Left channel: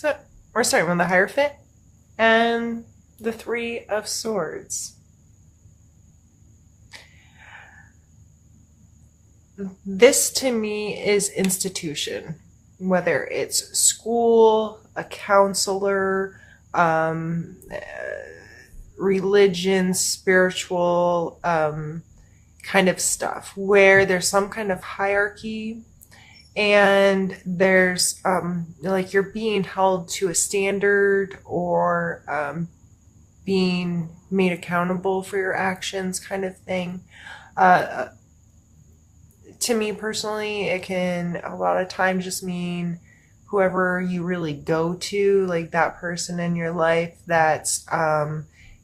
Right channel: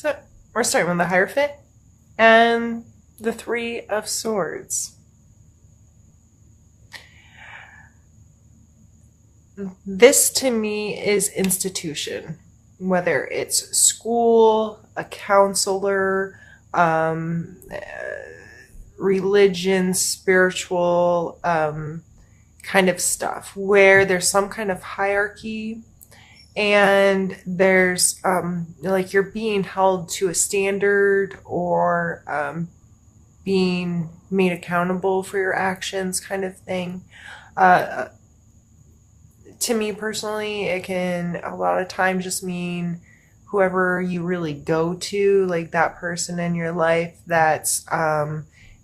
So we're starting with the Hierophant and the Three of Swords. This to me is institution, whether it's school, a counselor, religion, spiritual kind of stuff, where there's some kind of hierarchy and there's like you're being held to a standard or being made accountable for your actions kind of thing. Uh, to me personally, it can a lot of times just mean whoever you really go to, like that person in your life that's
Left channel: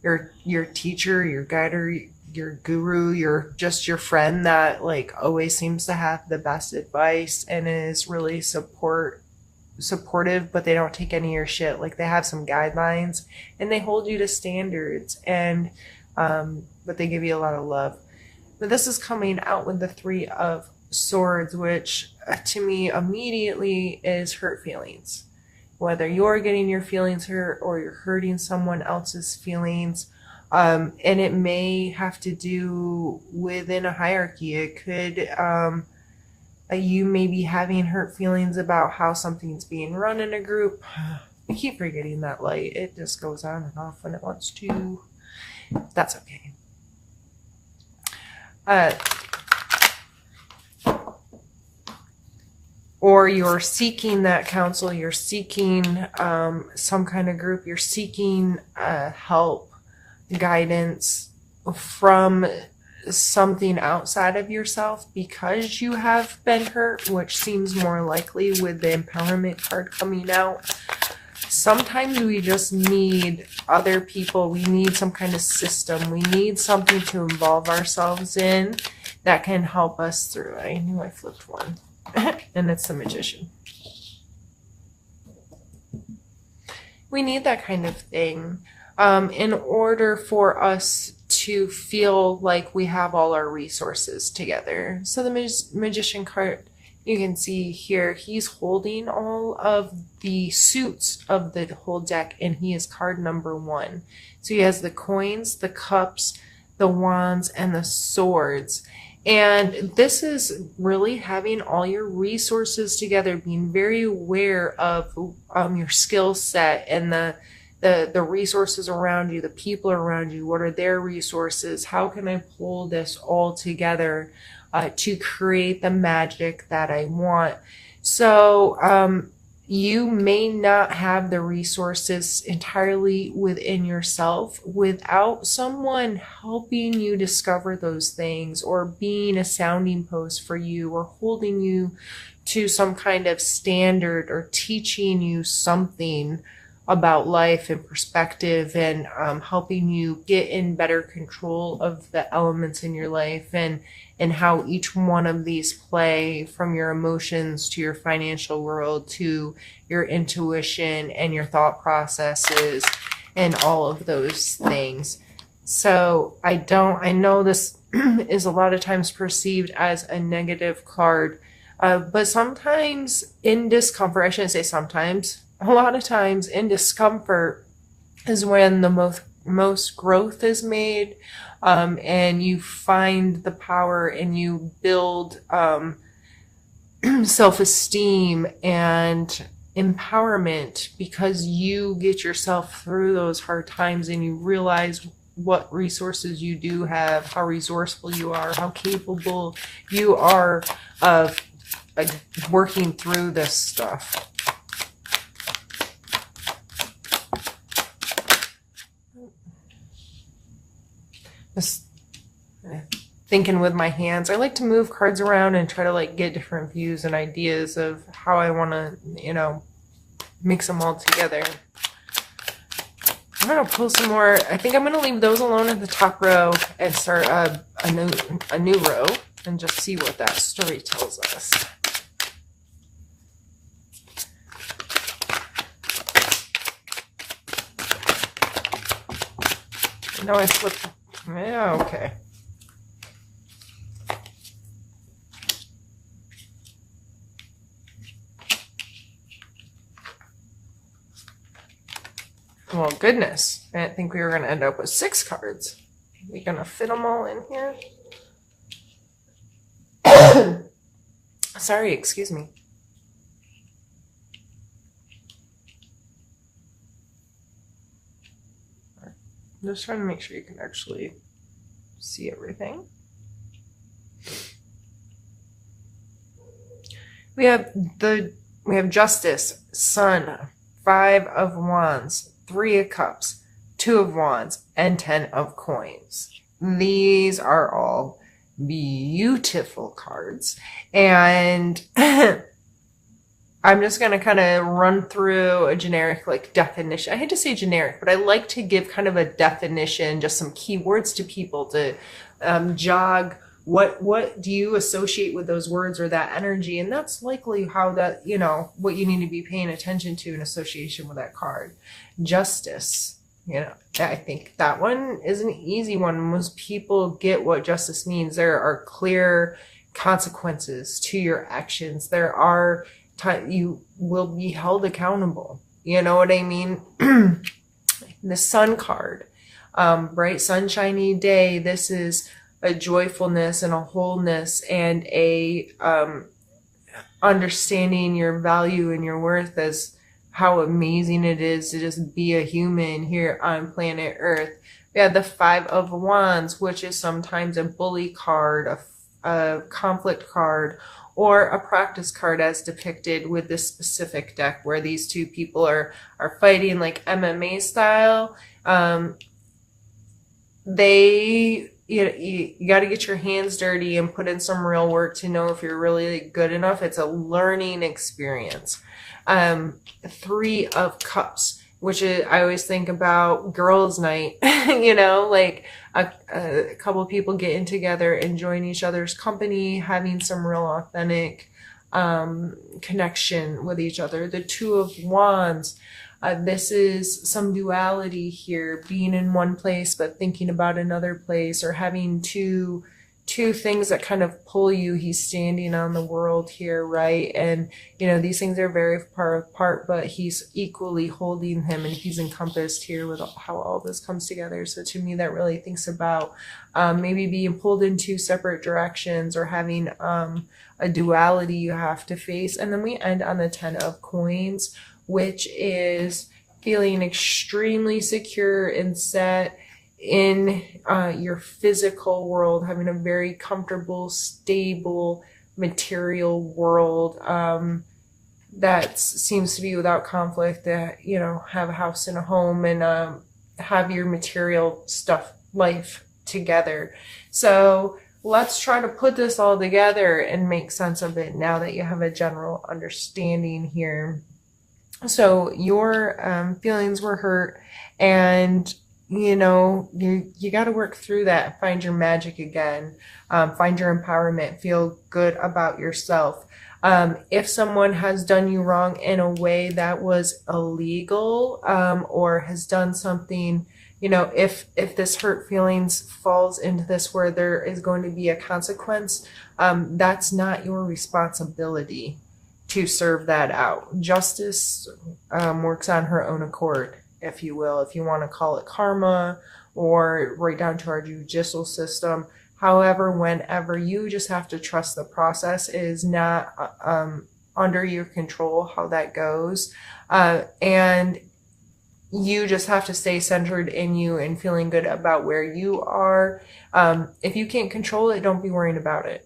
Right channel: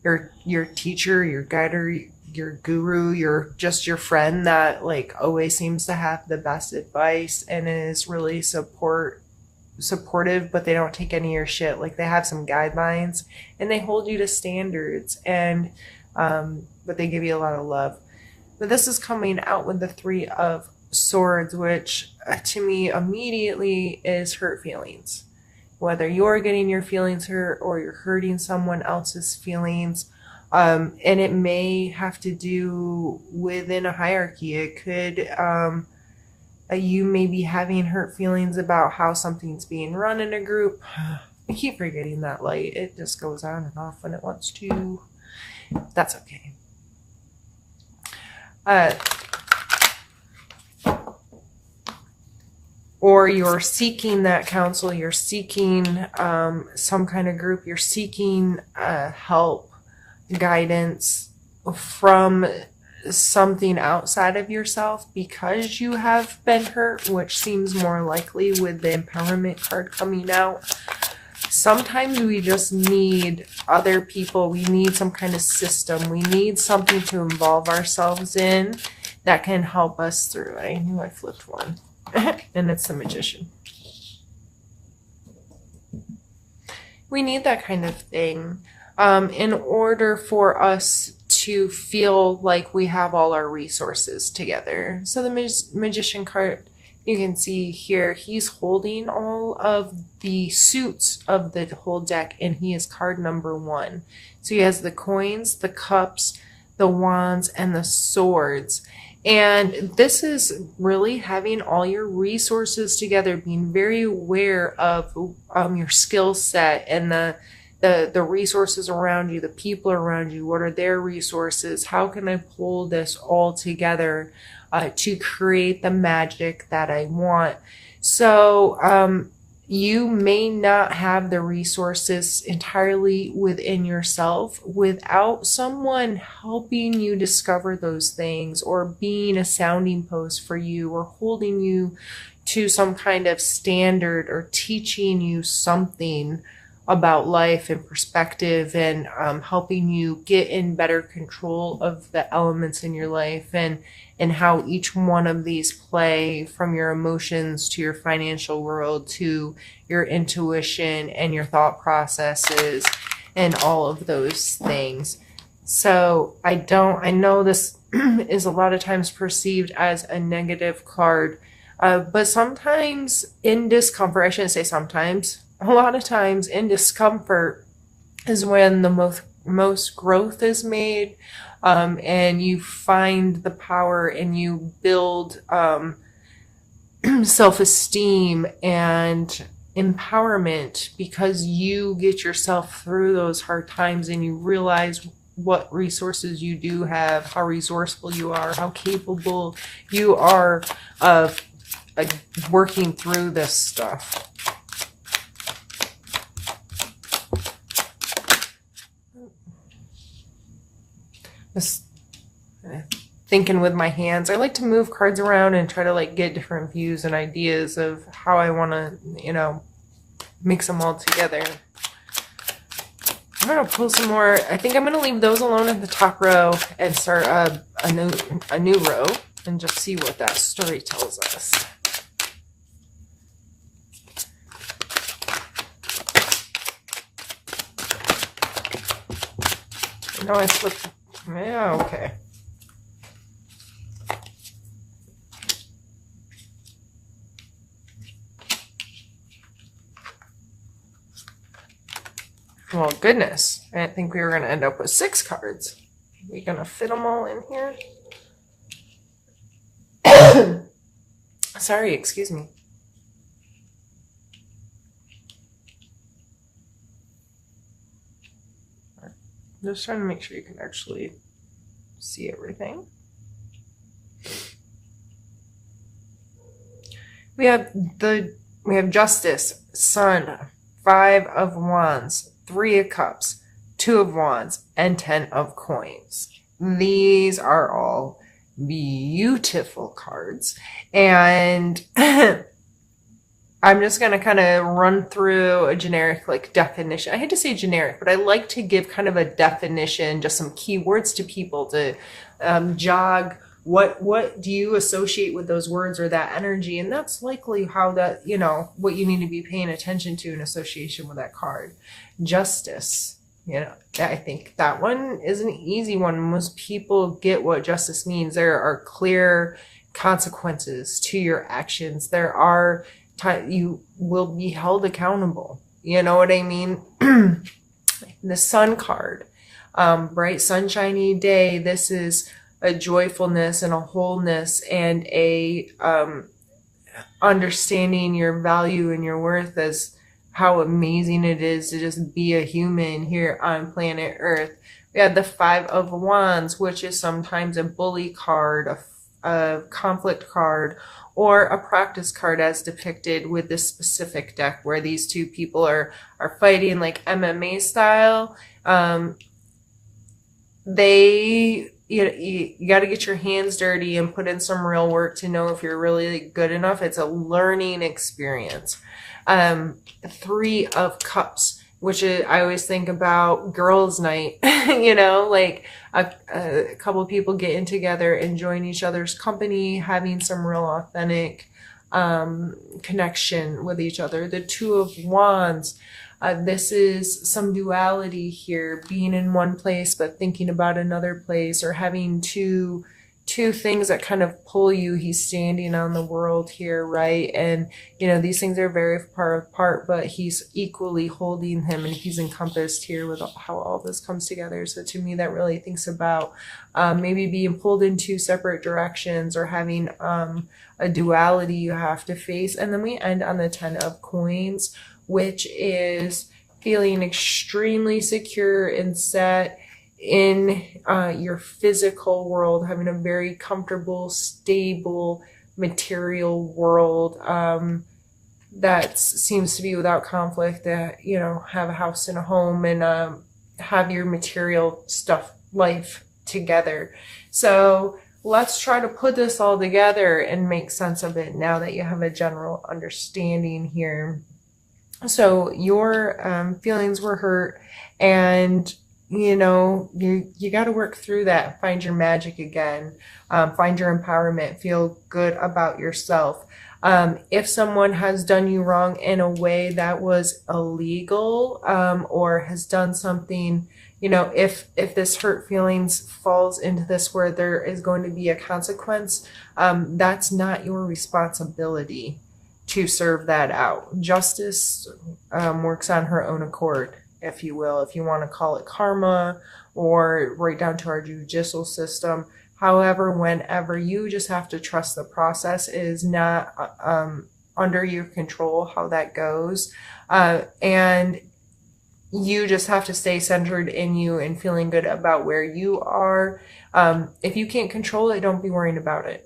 your teacher, your guide, or your guru, your friend that like always seems to have the best advice and is really supportive, but they don't take any of your shit. Like they have some guidelines and they hold you to standards, and but they give you a lot of love. But this is coming out with the Three of Swords, which to me immediately is hurt feelings. Whether you're getting your feelings hurt or you're hurting someone else's feelings. And it may have to do within a hierarchy. It could, you may be having hurt feelings about how something's being run in a group. I keep forgetting that light. It just goes on and off when it wants to. That's okay. Or you're seeking that counsel, you're seeking some kind of group, you're seeking help, guidance from something outside of yourself because you have been hurt, which seems more likely with the empowerment card coming out. Sometimes we just need other people. We need some kind of system. We need something to involve ourselves in that can help us through. I knew I flipped one. And it's the Magician. We need that kind of thing in order for us to feel like we have all our resources together. So the Magician card, you can see here, he's holding all of the suits of the whole deck, and he is card number 1. So he has the coins, the cups, the wands, and the swords. And this is really having all your resources together, being very aware of your skill set and the resources around you, the people around you. What are their resources? How can I pull this all together to create the magic that I want? So you may not have the resources entirely within yourself without someone helping you discover those things, or being a sounding post for you, or holding you to some kind of standard, or teaching you something about life and perspective, and helping you get in better control of the elements in your life, and how each one of these play, from your emotions to your financial world to your intuition and your thought processes and all of those things. So I know this is a lot of times perceived as a negative card, but sometimes in discomfort, I shouldn't say sometimes, a lot of times in discomfort is when the most growth is made, and you find the power and you build self-esteem and empowerment, because you get yourself through those hard times and you realize what resources you do have, how resourceful you are, how capable you are of working through this stuff. Just thinking with my hands. I like to move cards around and try to like get different views and ideas of how I want to, mix them all together. I'm going to pull some more. I think I'm going to leave those alone at the top row and start a new row and just see what that story tells us. No, I flipped. Yeah, okay. Well, goodness. I didn't think we were going to end up with 6 cards. We going to fit them all in here? Sorry, excuse me. I'm just trying to make sure you can actually see everything. We have Justice, Sun, 5 of Wands, 3 of Cups, 2 of Wands, and 10 of Coins. These are all beautiful cards. And I'm just going to kind of run through a generic like definition. I hate to say generic, but I like to give kind of a definition, just some keywords to people to jog what do you associate with those words or that energy. And that's likely how that, what you need to be paying attention to in association with that card. Justice, I think that one is an easy one. Most people get what justice means. There are clear consequences to your actions. There are you will be held accountable. You know what I mean? The Sun card, bright sunshiny day. This is a joyfulness and a wholeness and a understanding your value and your worth as how amazing it is to just be a human here on planet Earth. We have the 5 of Wands, which is sometimes a bully card, a conflict card, or a practice card as depicted with this specific deck where these two people are fighting like MMA style. You got to get your hands dirty and put in some real work to know if you're really good enough. It's a learning experience. 3 of Cups, which is, I always think about girls' night, like a couple of people getting together, enjoying each other's company, having some real authentic connection with each other. The 2 of Wands. This is some duality here, being in one place but thinking about another place, or having two things that kind of pull you. He's standing on the world here, right? And these things are very far apart, but he's equally holding him, and he's encompassed here with how all this comes together. So to me, that really thinks about maybe being pulled in 2 separate directions, or having a duality you have to face. And then we end on the 10 of Coins, which is feeling extremely secure and set in your physical world, having a very comfortable, stable, material world that seems to be without conflict, that, have a house and a home and have your material stuff, life together. So let's try to put this all together and make sense of it now that you have a general understanding here. So your feelings were hurt, and you got to work through that, find your magic again, find your empowerment, feel good about yourself. If someone has done you wrong in a way that was illegal, or has done something, if this hurt feelings falls into this where there is going to be a consequence, that's not your responsibility to serve that out. Justice works on her own accord, if you will, if you want to call it karma, or right down to our judicial system. However, whenever, you just have to trust the process. It is not under your control how that goes. And you just have to stay centered in you and feeling good about where you are. If you can't control it, don't be worrying about it.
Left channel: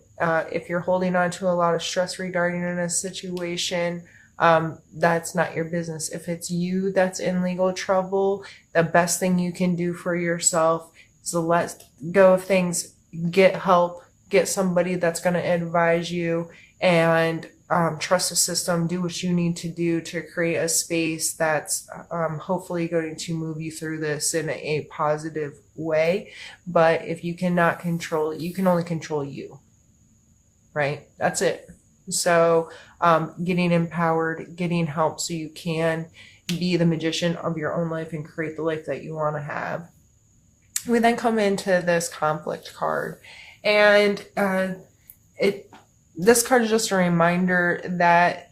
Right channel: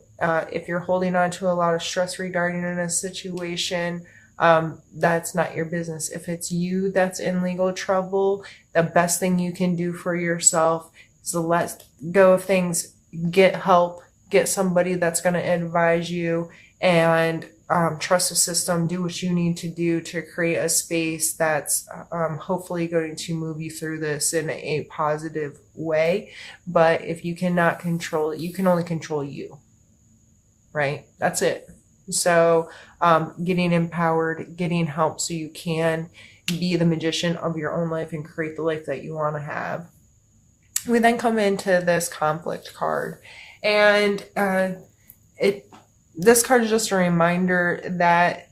If you're holding on to a lot of stress regarding a situation, that's not your business. If it's you that's in legal trouble, the best thing you can do for yourself is to let go of things, get help, get somebody that's going to advise you, and trust the system. Do what you need to do to create a space that's hopefully going to move you through this in a positive way. But if you cannot control it, you can only control you. Right? That's it. So getting empowered, getting help so you can be the magician of your own life and create the life that you want to have. We then come into this conflict card, and this card is just a reminder that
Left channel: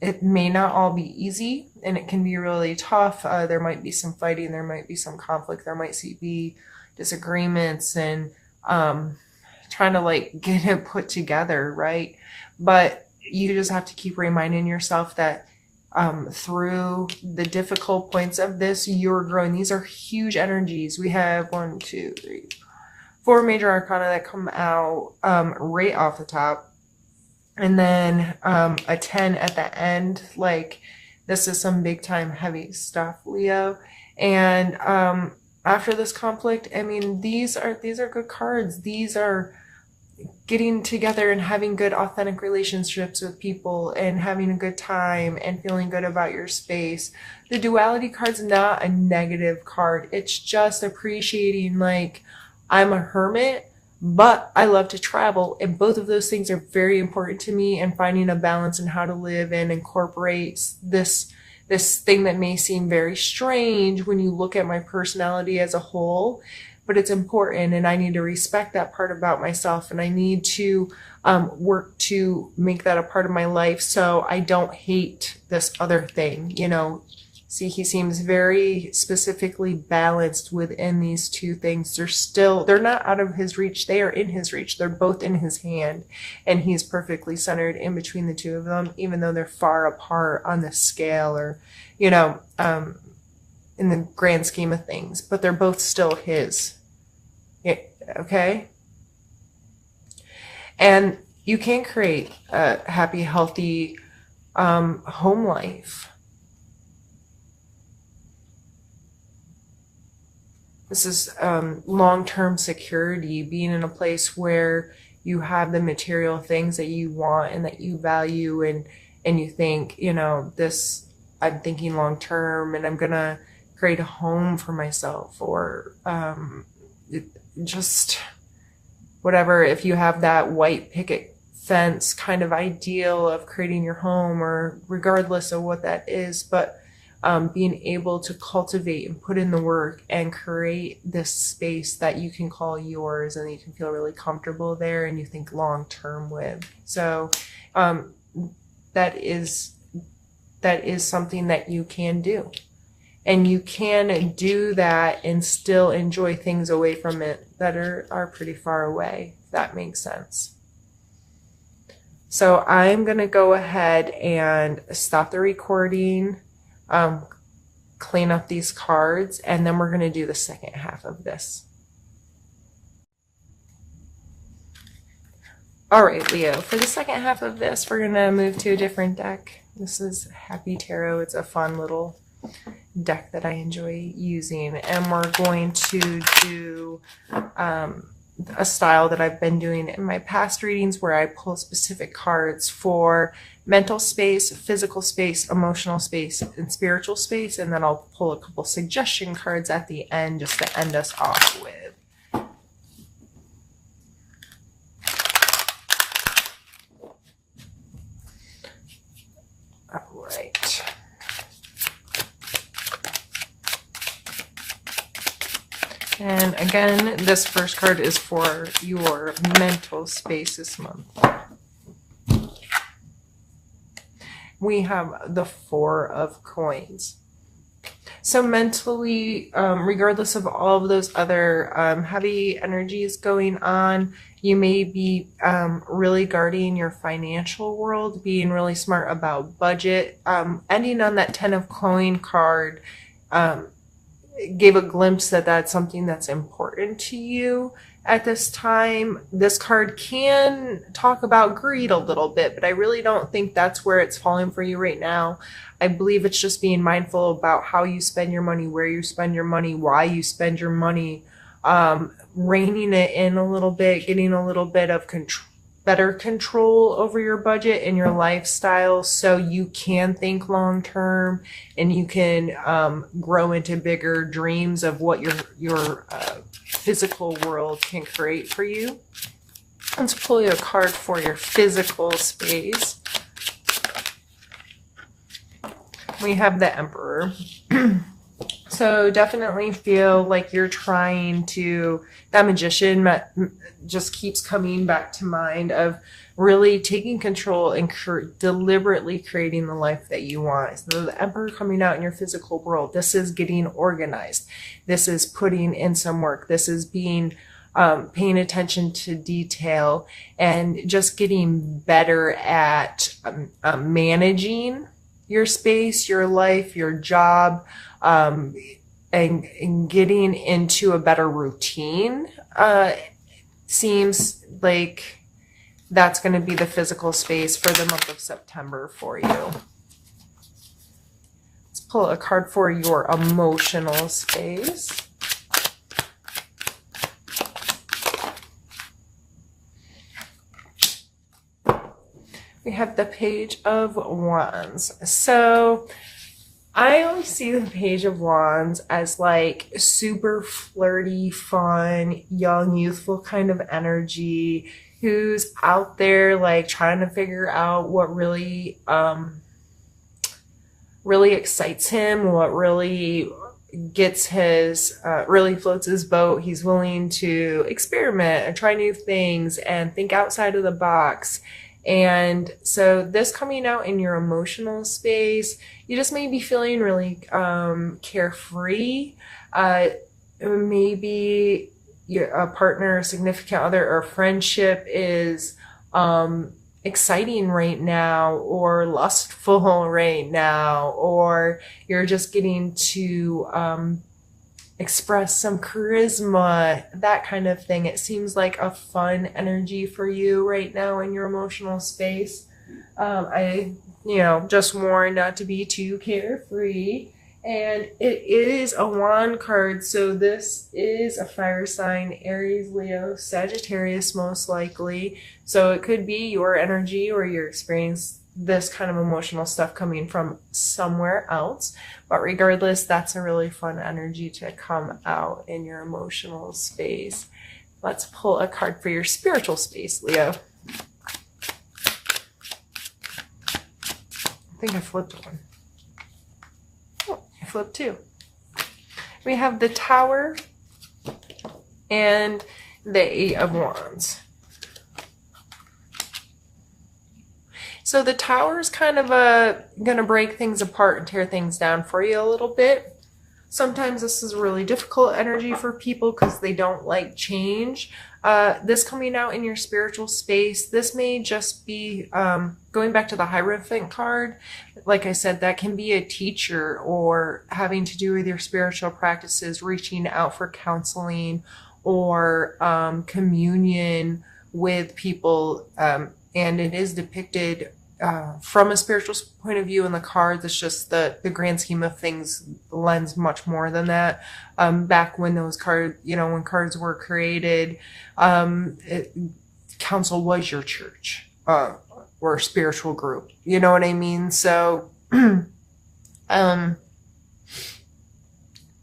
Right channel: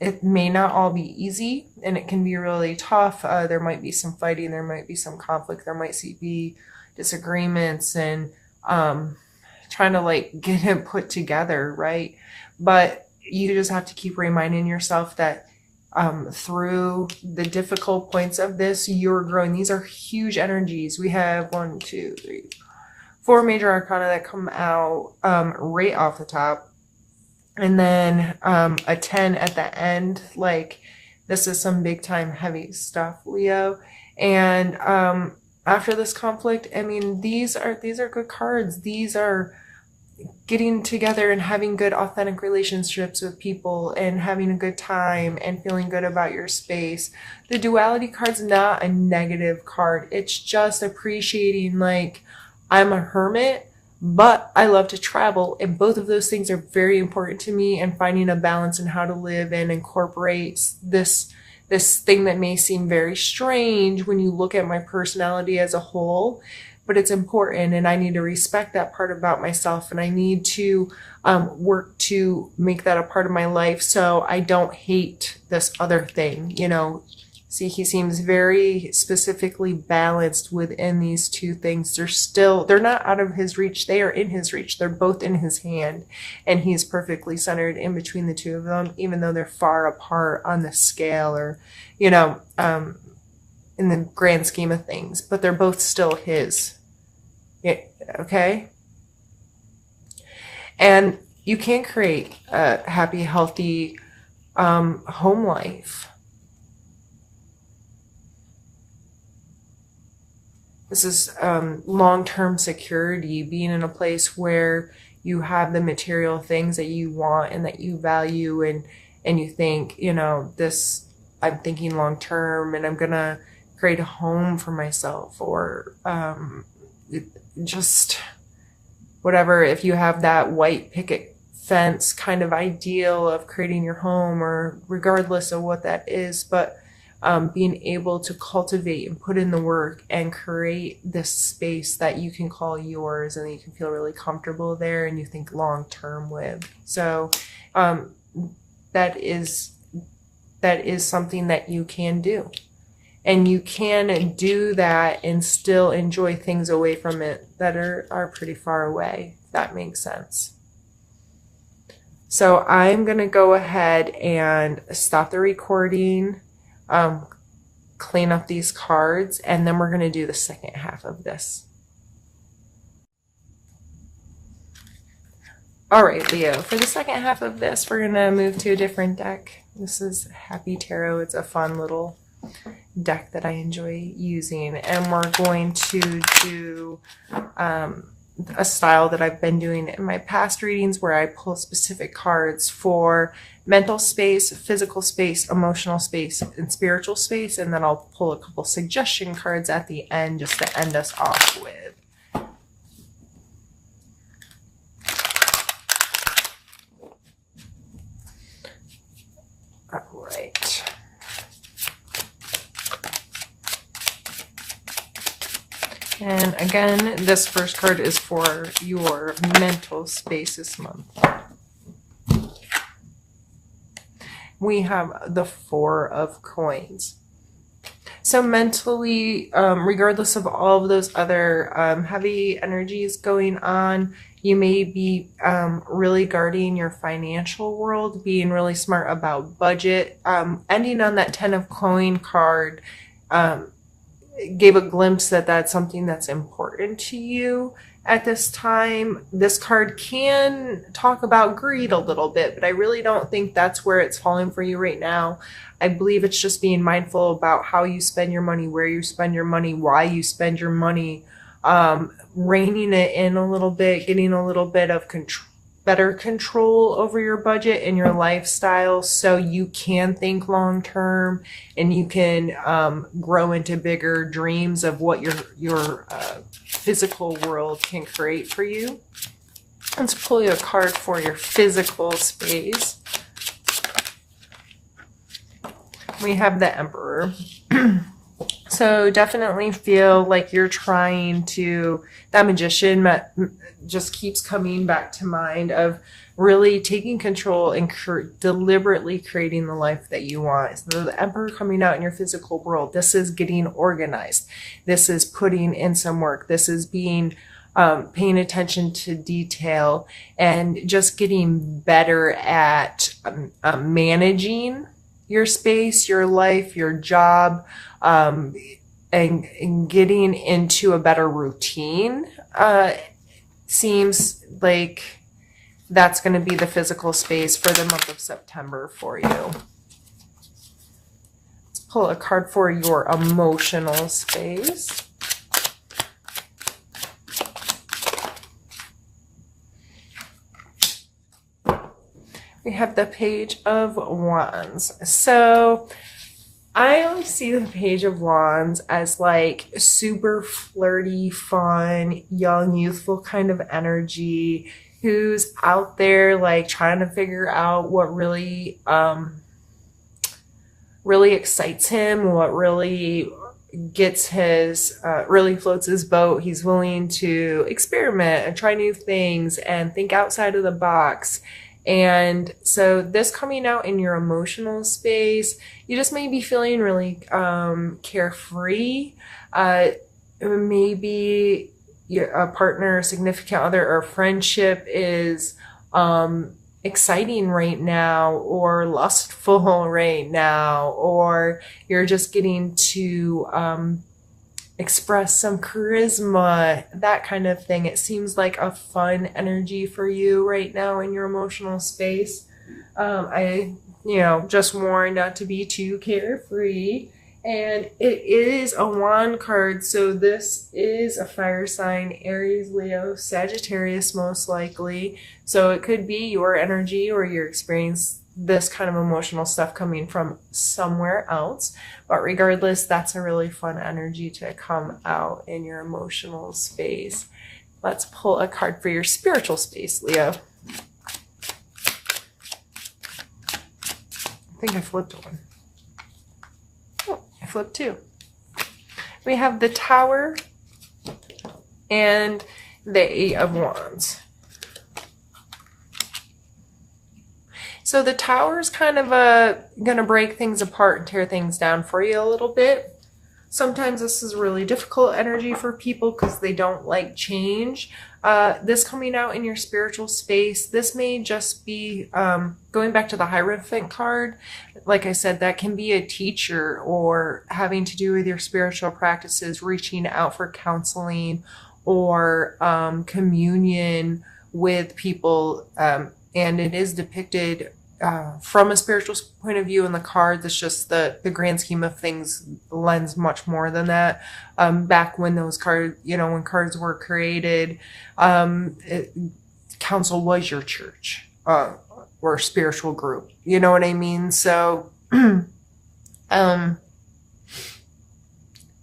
it may not all be easy. and it can be really tough. There might be some fighting, there might be some conflict, there might be disagreements, and trying to like get it put together, right? But you just have to keep reminding yourself that through the difficult points of this, you're growing. These are huge energies. We have 1, 2, 3, 4 major arcana that come out right off the top. And then a 10 at the end. Like, this is some big time heavy stuff, Leo. And after this conflict, I mean, these are good cards. These are getting together and having good authentic relationships with people and having a good time and feeling good about your space. The duality card's not a negative card. It's just appreciating, like, I'm a hermit, but I love to travel, and both of those things are very important to me, and finding a balance in how to live and incorporate this thing that may seem very strange when you look at my personality as a whole, but it's important, and I need to respect that part about myself, and I need to work to make that a part of my life so I don't hate this other thing, you know. See, he seems very specifically balanced within these two things. They're not out of his reach. They are in his reach. They're both in his hand, and he's perfectly centered in between the two of them, even though they're far apart on the scale, or, you know, in the grand scheme of things, but they're both still his. Okay? And you can create a happy, healthy home life. This is long-term security, being in a place where you have the material things that you want and that you value, and you think, you know, this, I'm thinking long-term, and I'm gonna create a home for myself, or just whatever. If you have that white picket fence kind of ideal of creating your home, or regardless of what that is, but being able to cultivate and put in the work and create this space that you can call yours, and you can feel really comfortable there, and you think long term with. So that is something that you can do, and you can do that and still enjoy things away from it that are pretty far away, if that makes sense. So I'm gonna go ahead and stop the recording, clean up these cards, and then we're going to do the second half of this. All right, Leo, for the second half of this, we're going to move to a different deck. This is Happy Tarot. It's a fun little deck that I enjoy using, and we're going to do a style that I've been doing in my past readings, where I pull specific cards for mental space, physical space, emotional space, and spiritual space, and then I'll pull a couple suggestion cards at the end just to end us off with. All right. And again, this first card is for your mental space this month. We have the 4 of Coins. So mentally, regardless of all of those other heavy energies going on, you may be really guarding your financial world, being really smart about budget. Ending on that 10 of Coin card gave a glimpse that that's something that's important to you at this time. This card can talk about greed a little bit, but I really don't think that's where it's falling for you right now. I believe it's just being mindful about how you spend your money, where you spend your money, why you spend your money, reining it in a little bit, getting a little bit of better control over your budget and your lifestyle, so you can think long term and you can grow into bigger dreams of what your physical world can create for you. Let's pull you a card for your physical space. We have the Emperor. So so definitely feel like you're trying to, that magician just keeps coming back to mind of really taking control and deliberately creating the life that you want. So the Emperor coming out in your physical world, this is getting organized. This is putting in some work. This is being paying attention to detail and just getting better at managing your space, your life, your job, and getting into a better routine. Seems like that's going to be the physical space for the month of September for you. Let's pull a card for your emotional space. We have the Page of Wands. So I always see the Page of Wands as like super flirty, fun, young, youthful kind of energy, who's out there like trying to figure out what really really excites him, what really gets his really floats his boat. He's willing to experiment and try new things and think outside of the box. And so this coming out in your emotional space, you just may be feeling really carefree. Maybe a partner, a significant other, or friendship is exciting right now, or lustful right now, or you're just getting to express some charisma, that kind of thing. It seems like a fun energy for you right now in your emotional space. I just warn not to be too carefree. And it is a wand card, so this is a fire sign, Aries, Leo, Sagittarius most likely. So it could be your energy or your experience, this kind of emotional stuff coming from somewhere else. But regardless, that's a really fun energy to come out in your emotional space. Let's pull a card for your spiritual space, Leo. I think I flipped one. I flipped two. We have the Tower and the Eight of Wands. So the Tower is kind of going to break things apart and tear things down for you a little bit. Sometimes this is really difficult energy for people because they don't like change. This coming out in your spiritual space, this may just be going back to the Hierophant card. Like I said, that can be a teacher or having to do with your spiritual practices, reaching out for counseling or communion with people. And it is depicted from a spiritual point of view in the cards. It's just the grand scheme of things lends much more than that. Back when those cards, when cards were created, council was your church or spiritual group. You know what I mean? So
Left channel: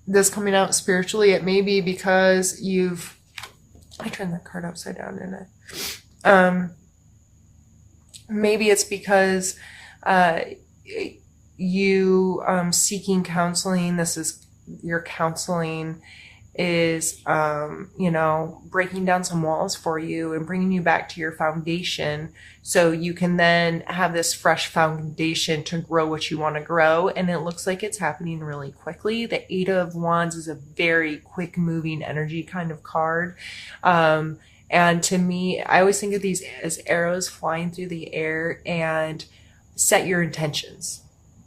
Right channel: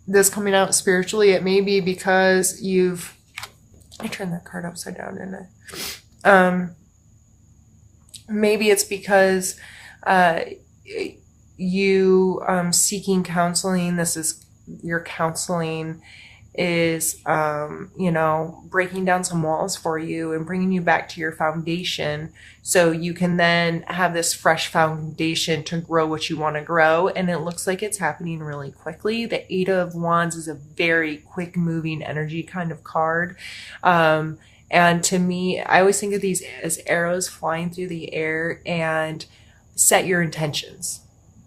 this coming out spiritually, it may be because I turned that card upside down, didn't I? Maybe it's because you seeking counseling. This is your counseling is, breaking down some walls for you and bringing you back to your foundation so you can then have this fresh foundation to grow what you want to grow. And it looks like it's happening really quickly. The Eight of Wands is a very quick moving energy kind of card. And to me, I always think of these as arrows flying through the air, and set your intentions.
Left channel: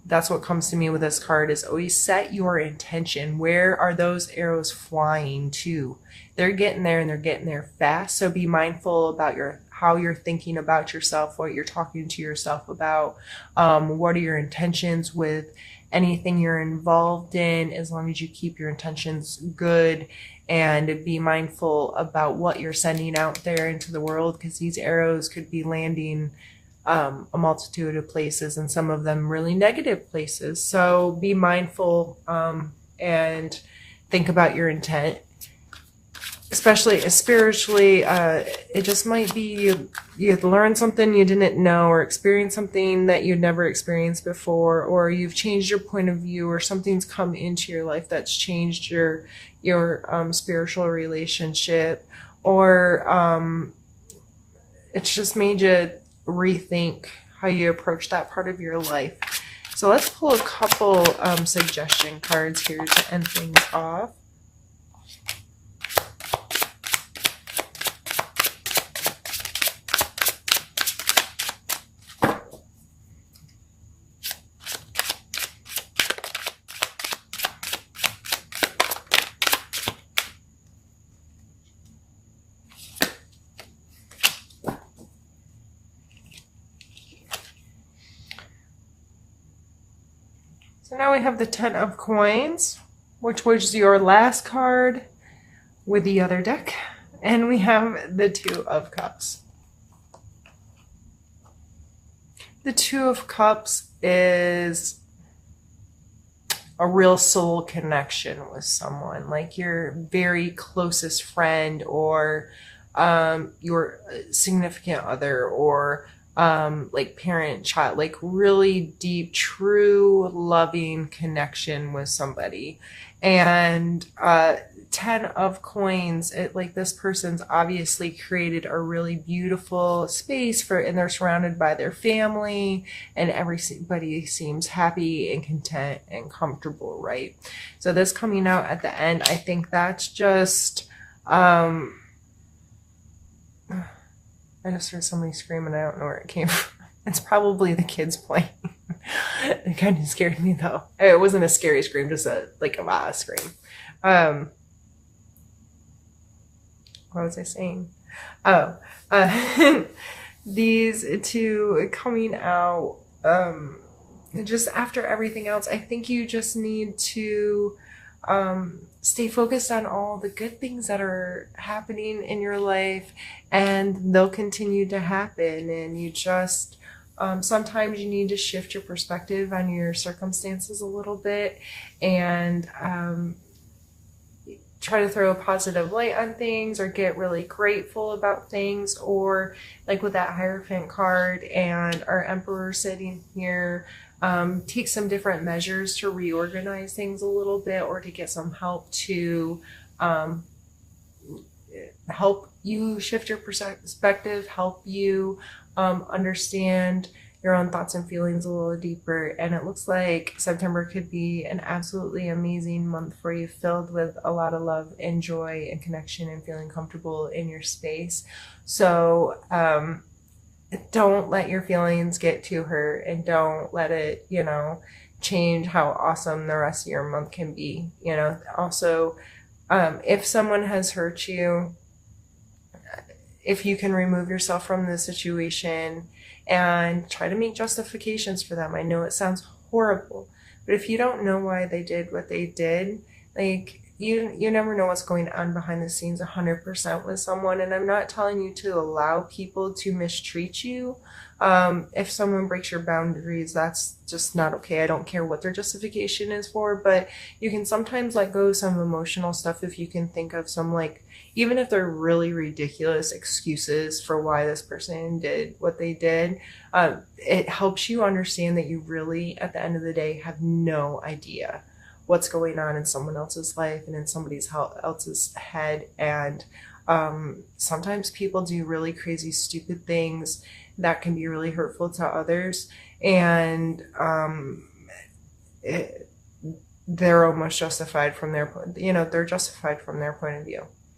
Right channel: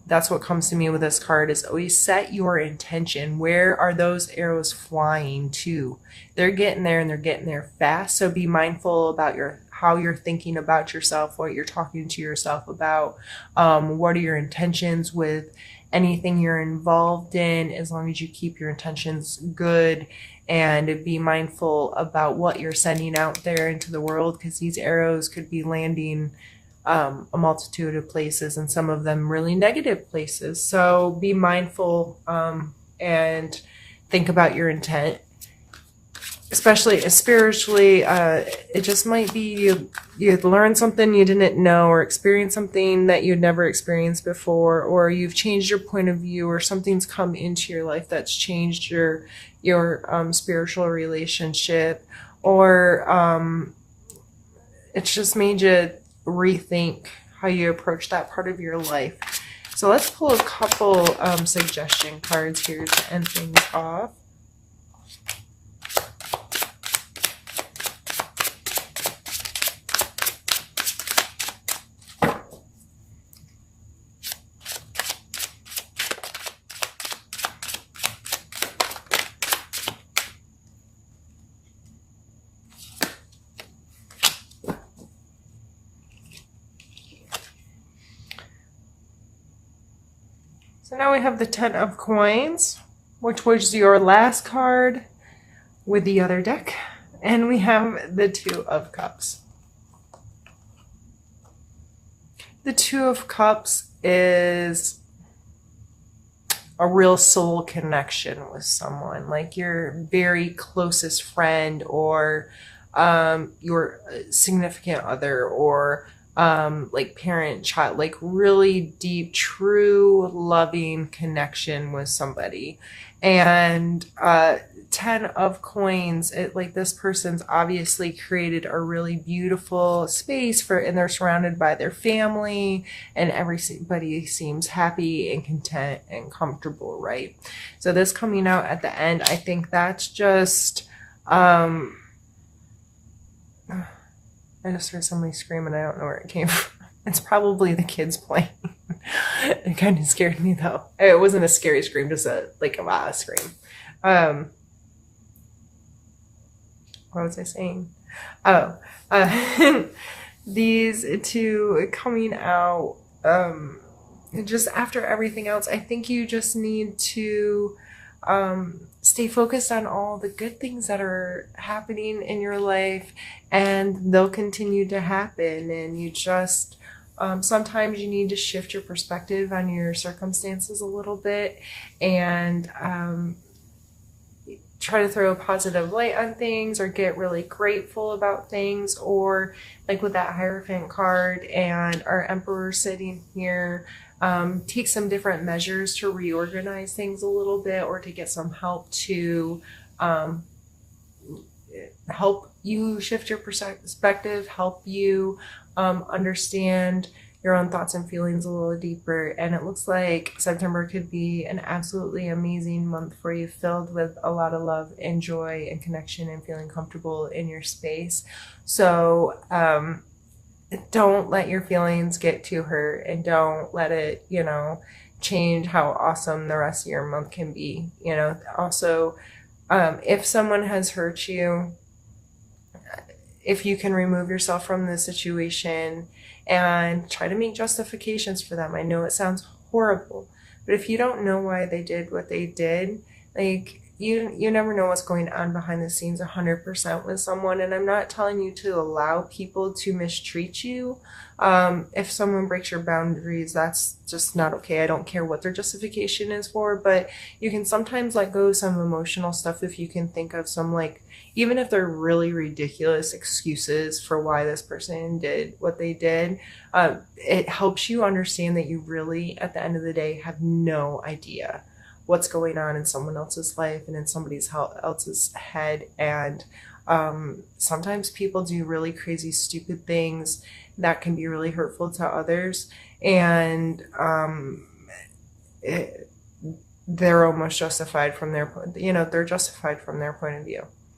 That's what comes to me with this card, is always set your intention. Where are those arrows flying to? They're getting there, and they're getting there fast. So be mindful about how you're thinking about yourself, what you're talking to yourself about. What are your intentions with anything you're involved in, as long as you keep your intentions good. And be mindful about what you're sending out there into the world, because these arrows could be landing a multitude of places, and some of them really negative places. So be mindful and think about your intent. especially spiritually, it just might be you've learned something you didn't know, or experienced something that you'd never experienced before, or you've changed your point of view, or something's come into your life that's changed your spiritual relationship, or it's just made you rethink how you approach that part of your life. So let's pull a couple suggestion cards here to end things off. So now we have the 10 of coins, which was your last card with the other deck. And we have the 2 of cups. The 2 of cups is a real soul connection with someone, like your very closest friend, or your significant other, or like parent, child, like really deep, true, loving connection with somebody. And 10 of coins, it like this person's obviously created a really beautiful space for, and they're surrounded by their family, and everybody seems happy and content and comfortable, right? So this coming out at the end, I think that's just I just heard somebody screaming. I don't know where it came from. It's probably the kids playing. It kind of scared me though. It wasn't a scary scream, just a like a ah scream. What was I saying? Oh, these 2 coming out. Just after everything else, I think you just need to stay focused on all the good things that are happening in your life, and they'll continue to happen. And you just sometimes you need to shift your perspective on your circumstances a little bit, and try to throw a positive light on things, or get really grateful about things, or like with that Hierophant card and our Emperor sitting here, take some different measures to reorganize things a little bit, or to get some help to help you shift your perspective, help you understand your own thoughts and feelings a little deeper. And it looks like September could be an absolutely amazing month for you, filled with a lot of love and joy and connection and feeling comfortable in your space. So don't let your feelings get to hurt, and don't let it, change how awesome the rest of your month can be. Also, if someone has hurt you, if you can remove yourself from the situation and try to make justifications for them. I know it sounds horrible, but if you don't know why they did what they did, like you never know what's going on behind the scenes 100% with someone. And I'm not telling you to allow people to mistreat you. If someone breaks your boundaries, that's just not okay. I don't care what their justification is for, but you can sometimes let go of some emotional stuff if you can think of some, like, even if they're really ridiculous excuses for why this person did what they did. It helps you understand that you really, at the end of the day, have no idea what's going on in someone else's life and in somebody else's head. And sometimes people do really crazy, stupid things that can be really hurtful to others. And they're almost justified from their, they're justified from their point of view.